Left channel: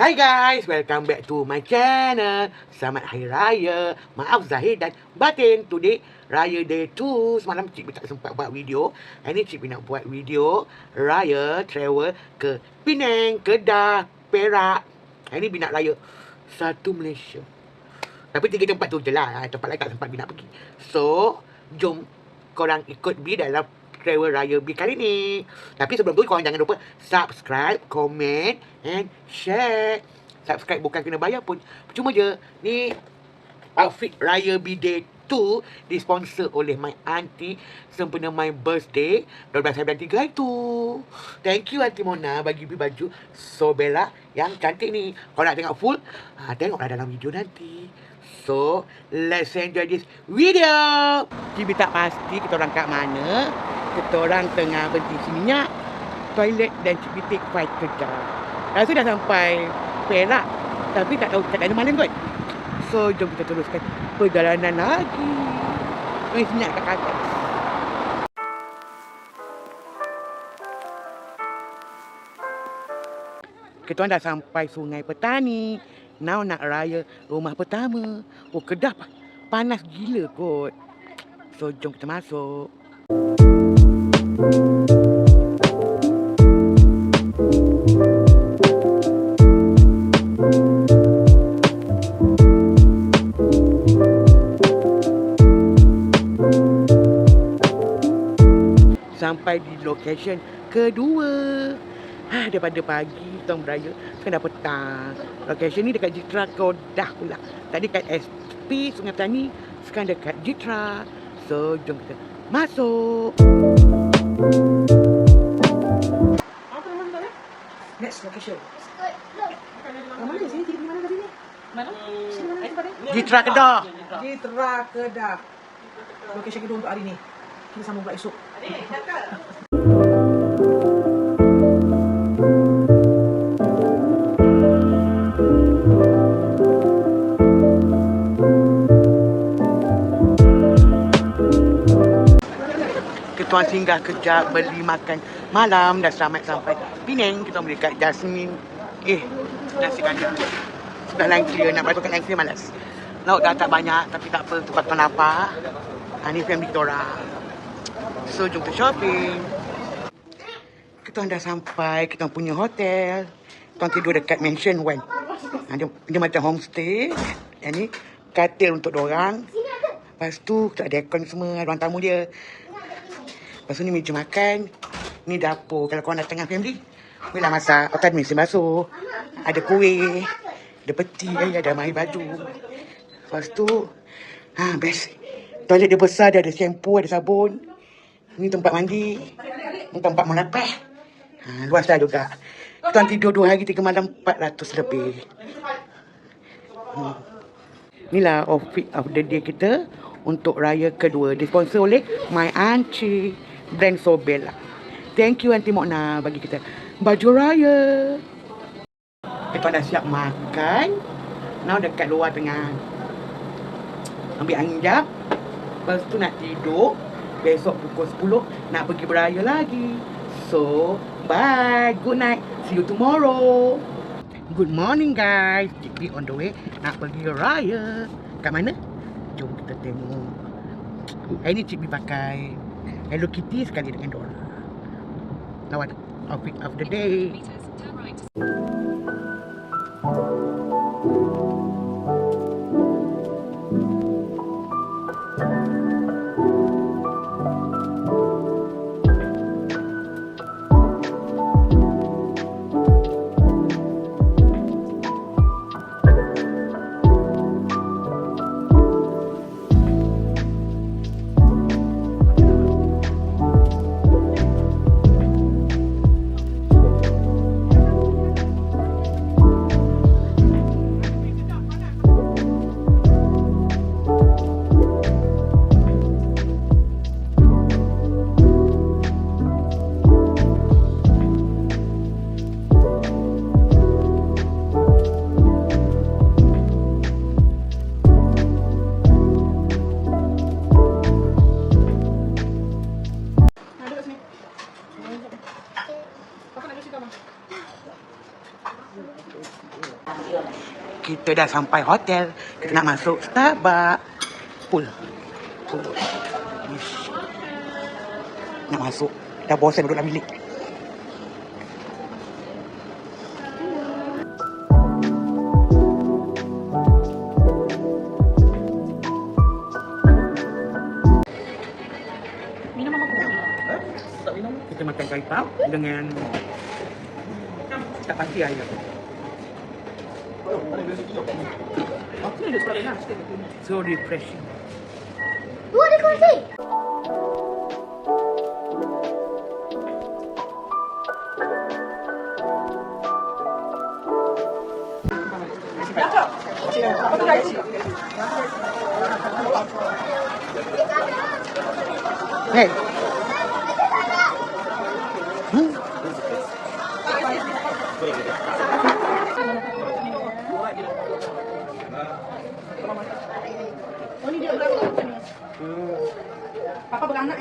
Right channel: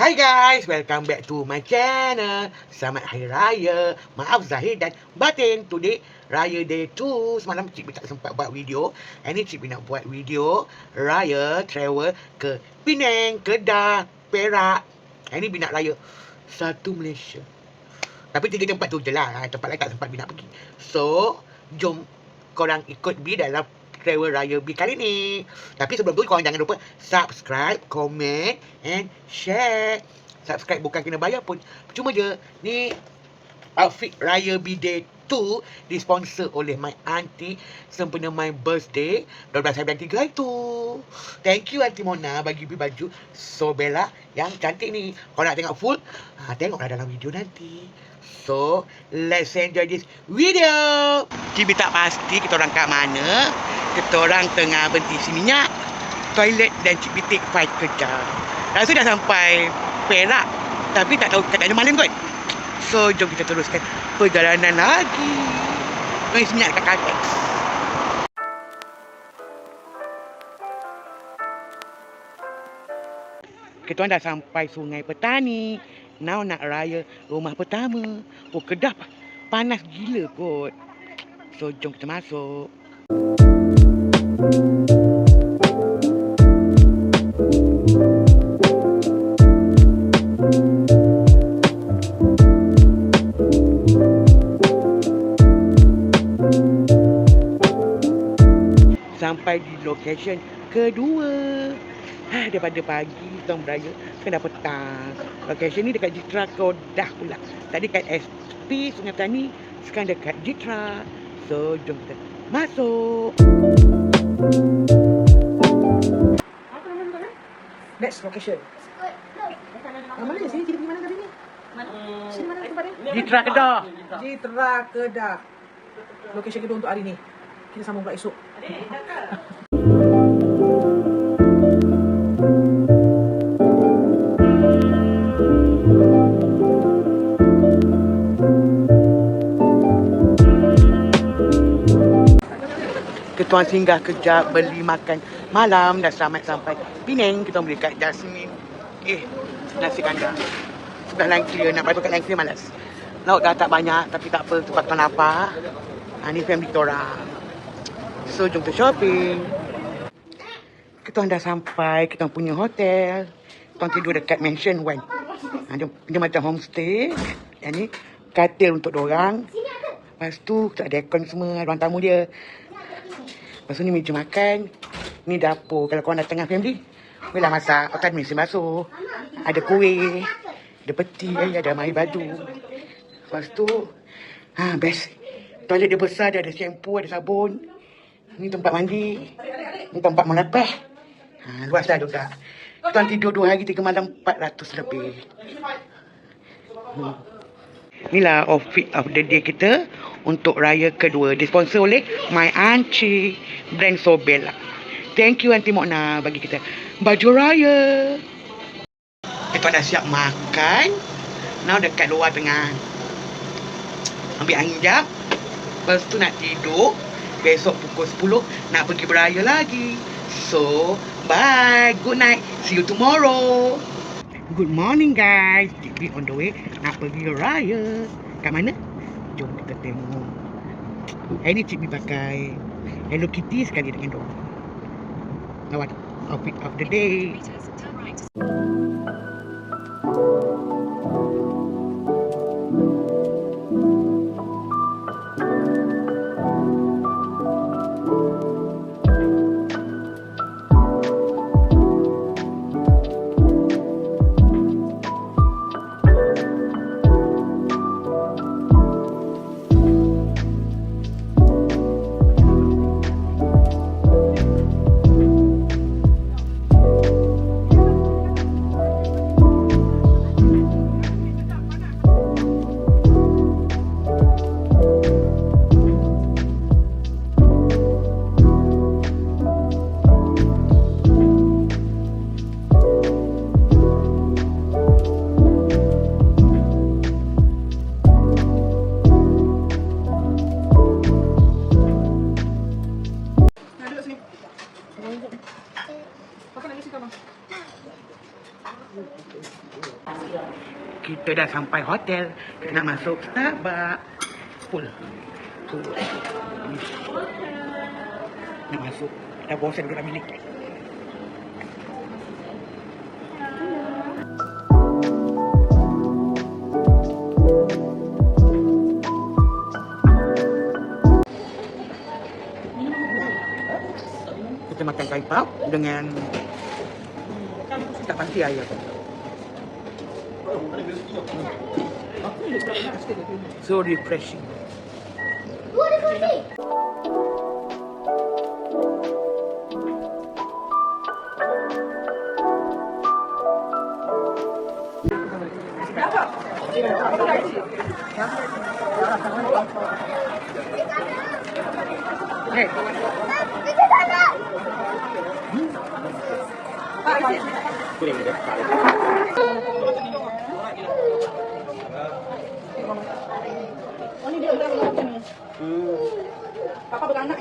Hi guys, welcome back to my channel. Selamat Hari Raya. Maaf Zahir dan Batin. Today Raya Day 2. Semalam Cik B tak sempat buat video. Hari ni Cik B nak buat video Raya travel ke Penang, Kedah, Perak. Hari ni B nak raya satu Malaysia. Tapi 3 tempat tu je lah. Tempat lain tak sempat B nak pergi. So, jom korang ikut B dalam travel raya B kali ni. Tapi sebelum tu korang jangan lupa subscribe, komen and share. Subscribe bukan kena bayar pun, percuma je. Ni outfit raya B Day 2 disponsor oleh my auntie sempena my birthday 12 hari bulan 3 itu. Thank you Auntie Mona bagi B baju Sobella yang cantik ni. Kalau nak tengok full, tengoklah dalam video nanti. So, let's enjoy this video. Cik tak pasti kita orang kat mana. Kita orang tengah berhenti isi minyak, toilet dan Cik B take 5 kejap. Rasa dah sampai Perak, tapi tak tahu kat mana malam kot. So, jom kita teruskan perjalanan lagi. Tengah isi minyak dekat Caltex. Kita orang dah sampai Sungai Petani. Now nak raya rumah pertama. Oh, Kedah panas gila kot. So, jom kita masuk. Sampai di location kedua. Daripada pagi kita beraya sekarang dah petang. Location ni dekat Jitra Kedah pula. Tadi kat SP Sungai Petani, sekarang dekat Jitra. So jom kita masuk. Apa nama dia? Next location. Mana sini? Di mana tadi? Mana? Jitra Kedah. Jitra Kedah. Location kedua untuk hari ni. Kita sambung pula esok. Kita orang singgah kejap beli makan malam. Dah selamat sampai Penang. Kita beli kat Jasmine. Nasi kandar. Sudah line clear. Nak balik kat line clear malas. Lauk dah tak banyak. Tapi tak apa. Tempat kita lapar. Ni family kita orang. So jom kita shopping. Kita orang dah sampai. Kita orang punya hotel. Kita orang tidur dekat Mansion 1. Dia macam homestay. Yang ni katil untuk diorang. Lepas tu kita ada aircon semua. Ruang tamu dia. Lepas tu ni meja makan. Ni dapur. Kalau korang datang dengan family, bolehlah masak. Lepas tu ada mesin basuh. Ada kuih. Ada peti. Ada air baju. Lepas tu, best. Toilet dia besar. Dia ada shampoo, ada sabun. Ni tempat mandi. Ni tempat menepeh. Luas lah juga. Kita tidur 2 hari 3 malam 400 lebih. Inilah outfit of the day kita untuk raya kedua. Disponsor oleh my auntie brand Sobella. Thank you Auntie Mona bagi kita baju raya. Kita dah siap makan. Now dekat luar tengah ambil angin jap. Lepas tu nak tidur. Besok pukul 10 nak pergi beraya lagi. So, bye. Good night. See you tomorrow. Good morning guys. Cik B on the way nak pergi raya. Kat mana? Jom kita tengok. Hari ni Cik B pakai Hello Kitty sekali dengan Dora. Lawat outfit of the day. kita dah sampai hotel. Kita nak masuk Starbucks. Full. Nak masuk. Dah bosan duduk dalam bilik. Kita makan kai pau dengan tak pasti ayam. So refreshing. Oh, ada kursi. Hey. Papa beranak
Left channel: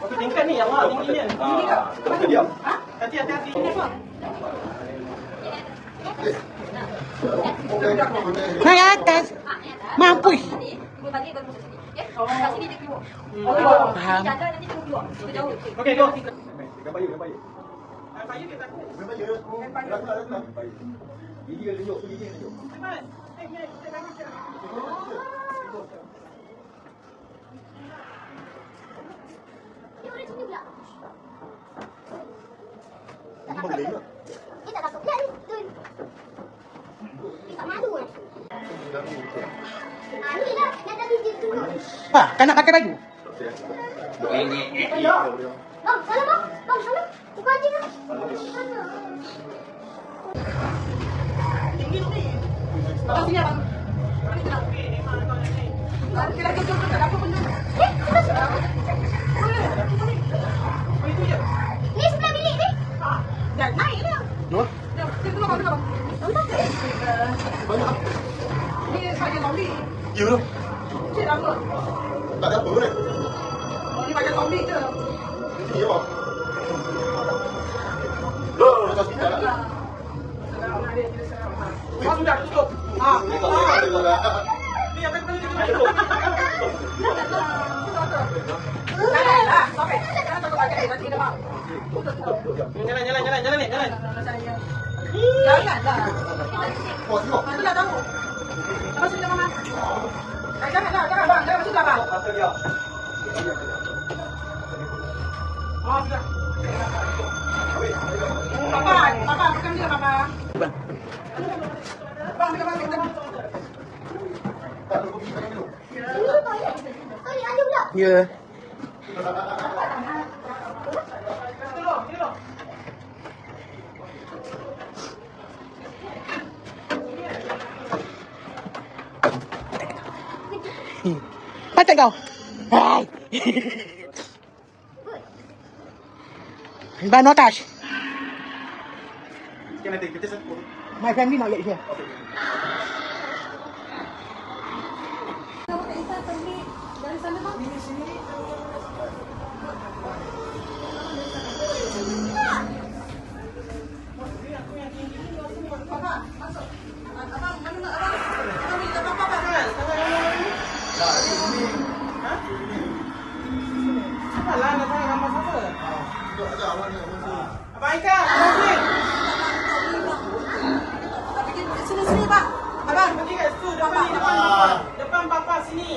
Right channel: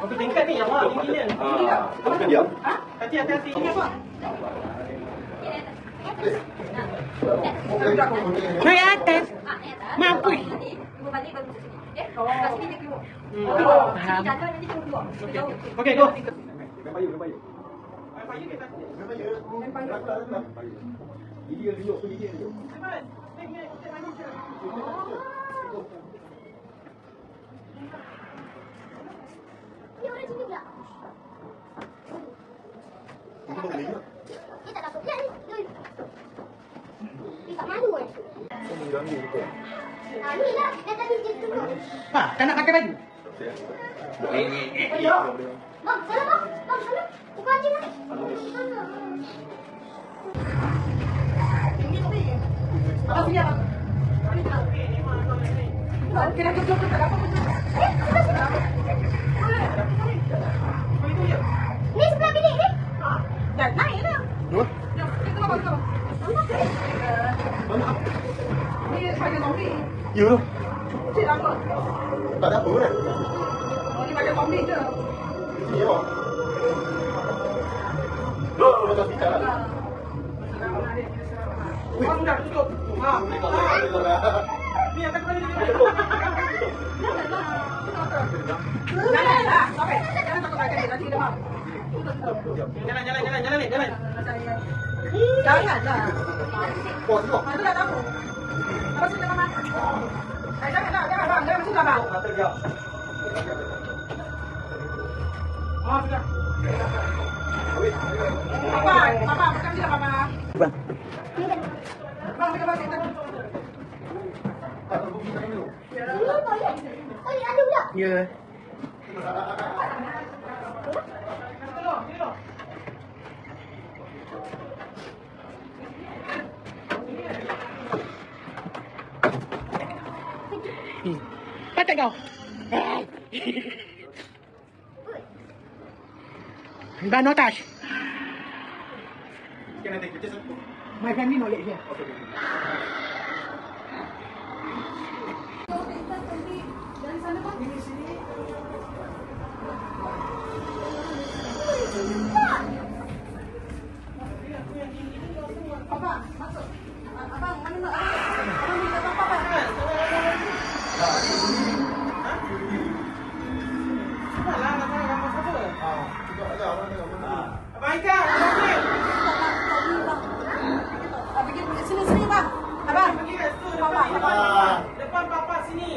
Kopi tingkat ni yang awak tinggi ni. Hati-hati. Naik atas. Mampu. Faham. Okey, go. Ah, tak nak pakai baju. Ni sebelah bilik ni. Oh, Ya tu. Tak ada apa pun. Ini apa? Dah tak speaker lah. Sudah tutup. Ni yang tadi tutup. Jalan. Janganlah. Oh, tengok. Nanti dah tahu. Apa sini mama? Janganlah, jangan masuk dah bang. Oh, sudah. Papa, makan dia papa. bang. Bang, kita. Ada pula. Ya. Patut kau. Hai. Dah no touch. My family not yet here. Papa, masuk. Abang, mana abang? Abang beli apa papa? Alah, nak nama siapa? Abang Aika, pergi. Sini bang. Abang, Pergi kat situ depan papa sini.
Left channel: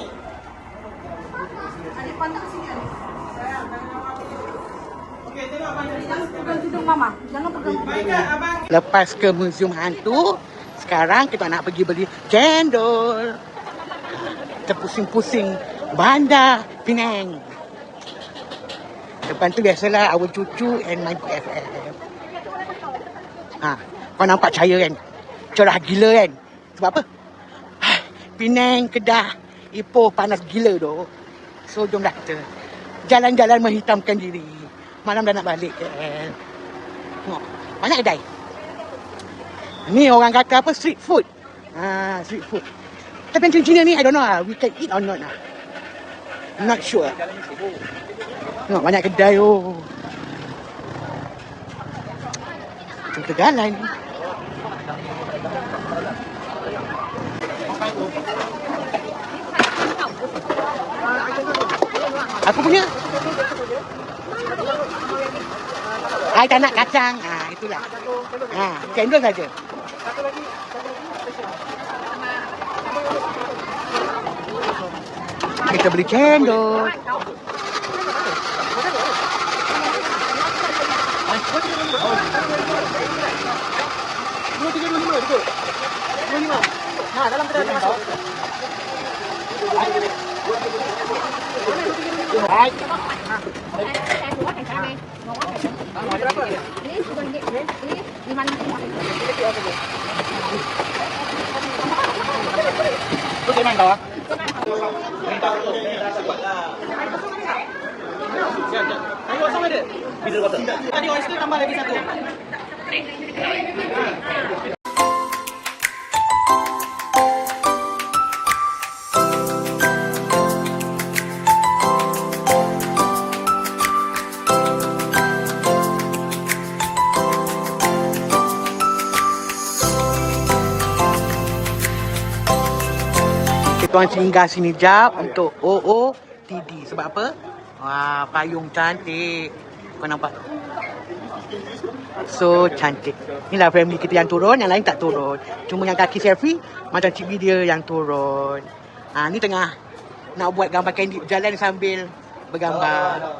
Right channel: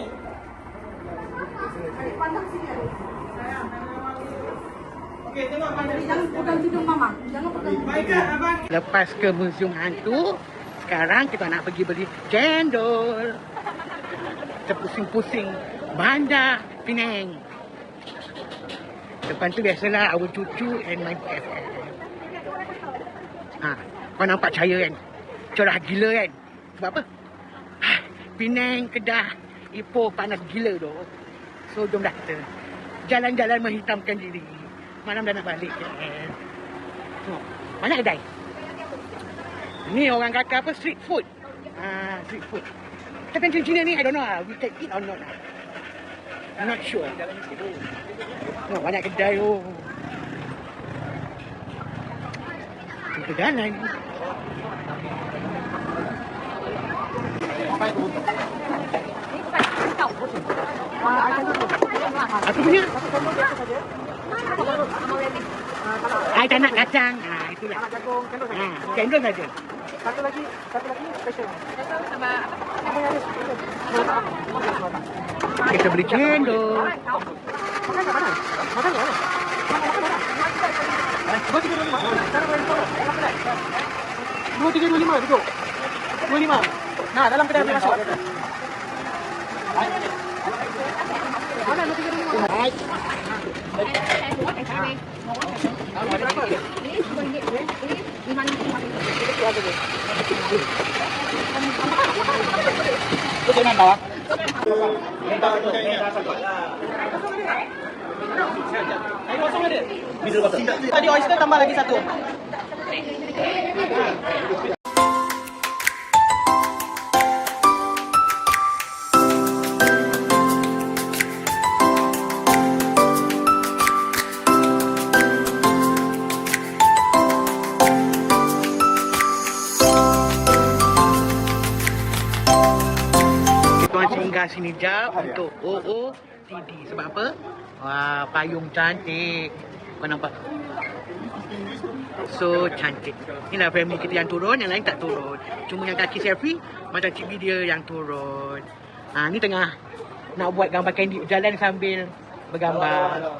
adik pandang sini adik. Okey, tengok mana ni. Jangan pegang juga mama. Jangan pegang. Abang Aika, abang. Lepas ke museum hantu, sekarang kita nak pergi beli cendol. Terpusing-pusing Bandar Penang. Depan tu biasalah awak cucu and my FF. Ha, kau nampak cahaya kan? Cerah gila kan? Sebab apa? Penang, Kedah, Ipoh panas gila tu. So jom dah kita jalan-jalan menghitamkan diri. Malam dah nak balik kan? Tengok, banyak kedai. Ni orang kata apa? Street food. Street food. Tapi macam sini ni, I don't know lah. We can eat or not lah. I'm not sure. Tengok banyak kedai Kita jalan. Aku punya. I tak nak kacang. Itulah. Cendol saja. Kita beli cendol. Tadi oyster tambah lagi satu. Tuan singgah sini jap untuk OOTD. Sebab apa? Wah, payung cantik. Kau nampak? So cantik. Inilah family kita yang turun, yang lain tak turun. Cuma yang kaki selfie, macam cik dia yang turun. Ni tengah nak buat gambar candid jalan sambil bergambar.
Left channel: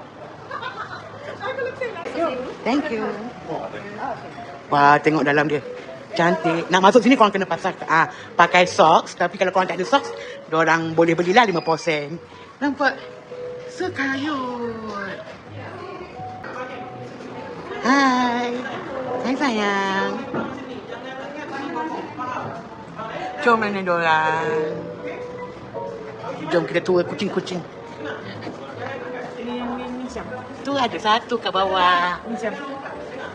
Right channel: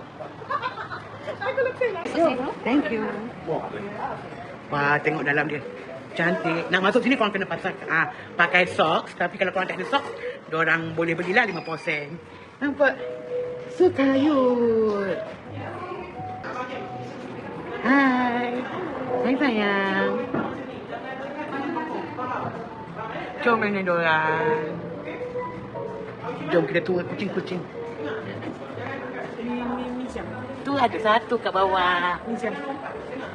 Thank you. Wah, tengok dalam dia. Cantik. Nak masuk sini korang kena pakai socks. Tapi kalau korang tak ada socks, diorang boleh belilah 5%. Nampak? So cute. Hai. Hai sayang. Jom mana diorang. Jom kita tua kucing-kucing. Ni siapa? Tu ada satu kat bawah. Ni siapa?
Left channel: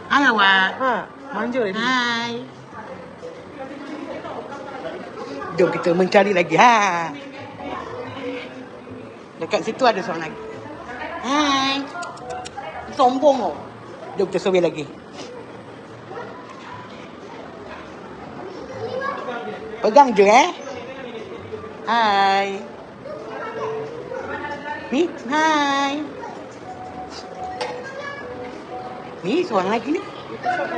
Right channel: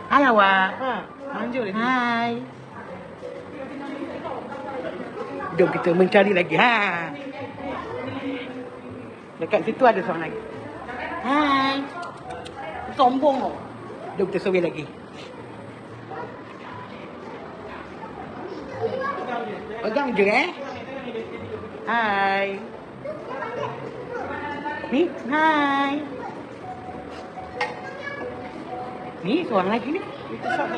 Hai awak. Manja ni. Hai. Jom kita mencari lagi. Dekat situ ada seorang lagi. Hai. Sombong tau. Jom kita survey lagi. Pegang je Hai. Ni, hai. Ni seorang lagi ni.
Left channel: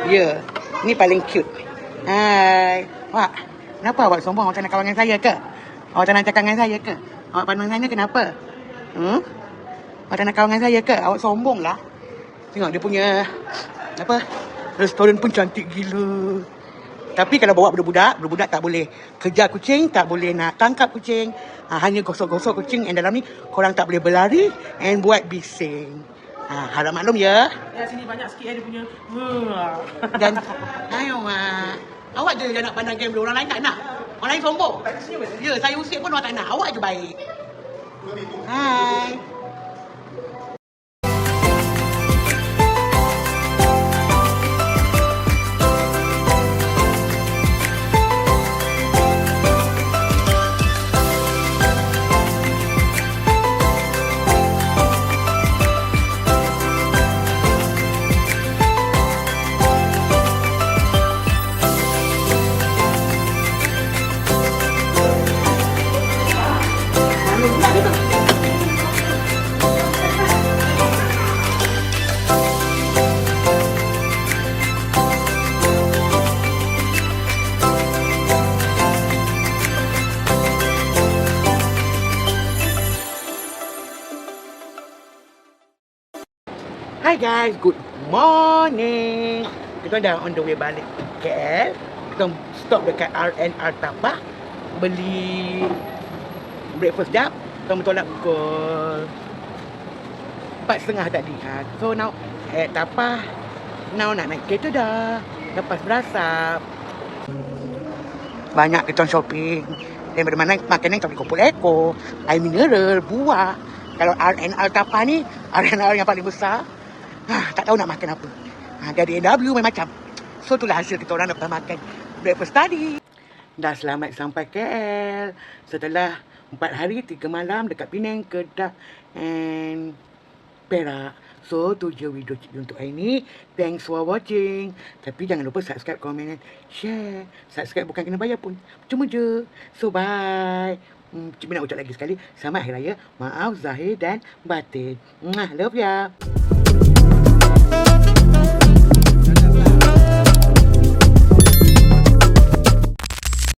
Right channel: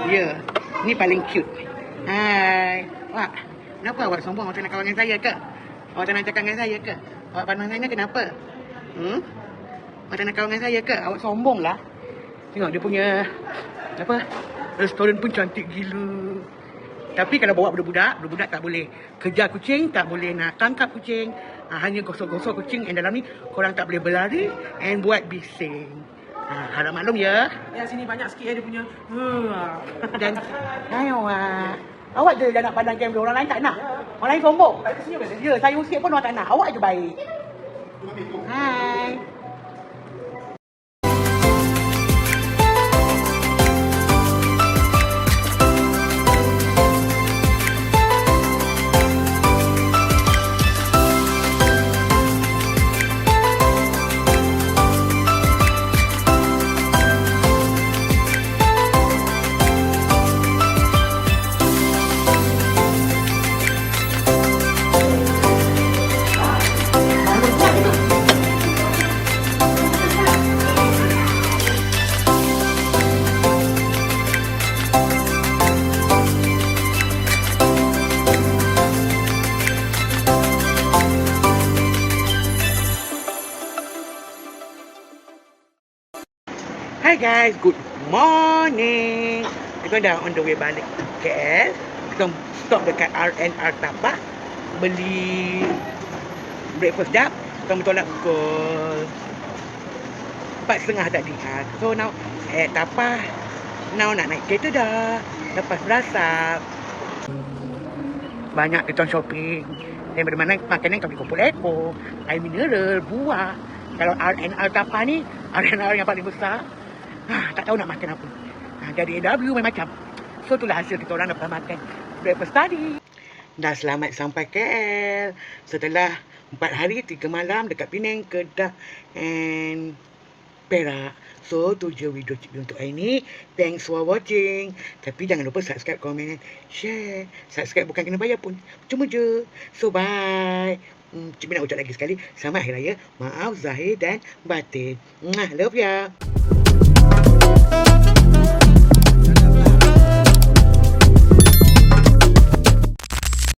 Ya, ni paling cute. Hai. Wak, kenapa awak sombong? Awak tak nak kawan dengan saya ke? Awak tak nak cakap dengan saya ke? Awak pandang saya ni kenapa? Awak tak nak kawan dengan saya ke? Awak sombong lah. Tengok dia punya restoran pun cantik gila. Tapi kalau bawa budak-budak tak boleh kejar kucing, tak boleh nak tangkap kucing. Hanya gosok-gosok kucing yang dalam ni. Korang tak boleh berlari and buat bising. Harap maklum ya. Ya, sini banyak sikit dia punya. Dan ayo awak je yang nak pandang game dia, orang lain tak nak. Orang lain sombong. Ya, saya usik pun orang tak nak. Awak je baik. Hai. Hi guys, good morning. Kita dah on the way balik KL. Kita stop dekat RNR Tapak, beli breakfast jap. Kita bertolak pukul 4.30 tadi. So now at Tapak. Now nak naik kereta dah. Lepas berasap. Banyak kita shopping. Daripada mana makanan kita kumpul ekor, air mineral, buah. Kalau RNR Tapak ni, RNR yang paling besar. Tak tahu nak makan apa. Jadi AW macam So, itulah hasil kita orang dapat makan breakfast tadi. Dah selamat sampai KL. Setelah 4 hari 3 malam dekat Penang, Kedah and Perak. So, tu je video Cik untuk hari ni. Thanks for watching. Tapi jangan lupa subscribe, komen, share. Subscribe bukan kena bayar pun. Cuma je. So, bye. Cik nak ucap lagi sekali. Selamat Hari Raya. Maaf Zahir dan Batin. Love ya.